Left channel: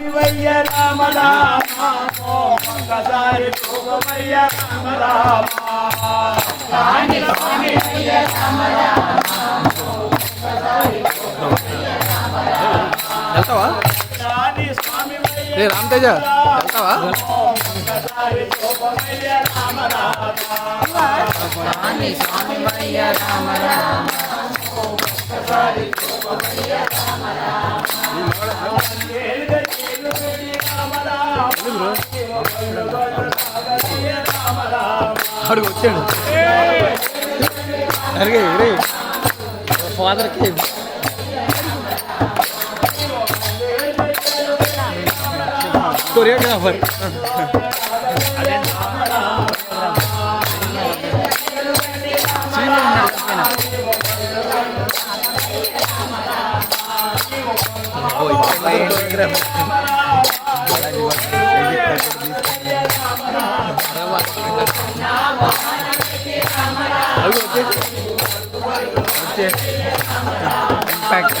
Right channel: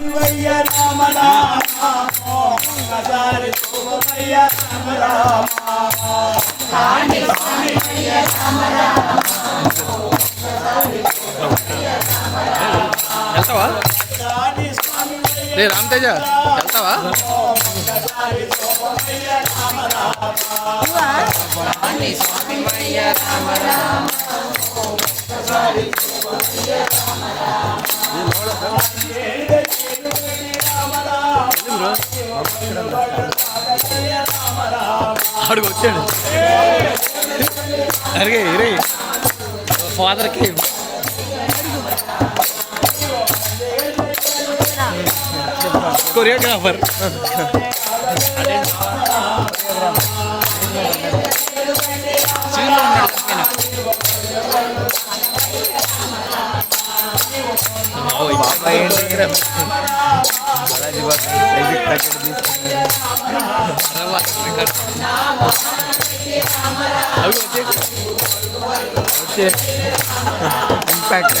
శివయ్య రామ రామ ఒక్కసారి చూపమయ్య రామ రామ. రే రామతేజ వెళ్తావా? రామ రామ. రామ రామ అడుగు వచ్చాడు అడిగే రే ఫాదర్కి choreographer Oh, Instagram. Impact.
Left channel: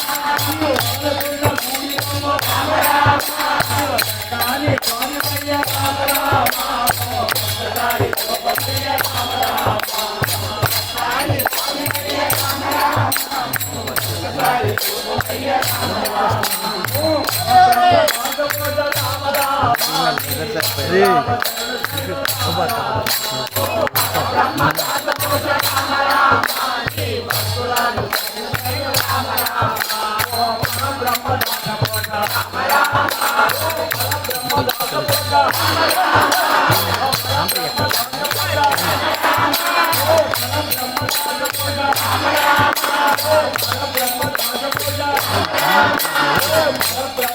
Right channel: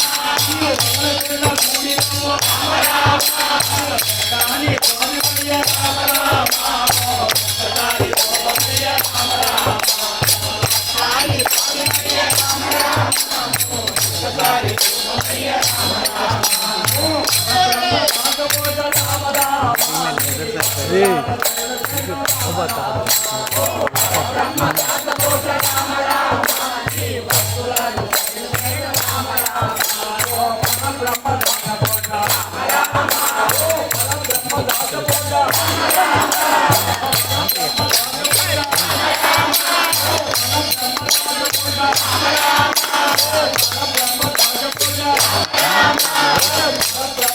Oh, Thank you.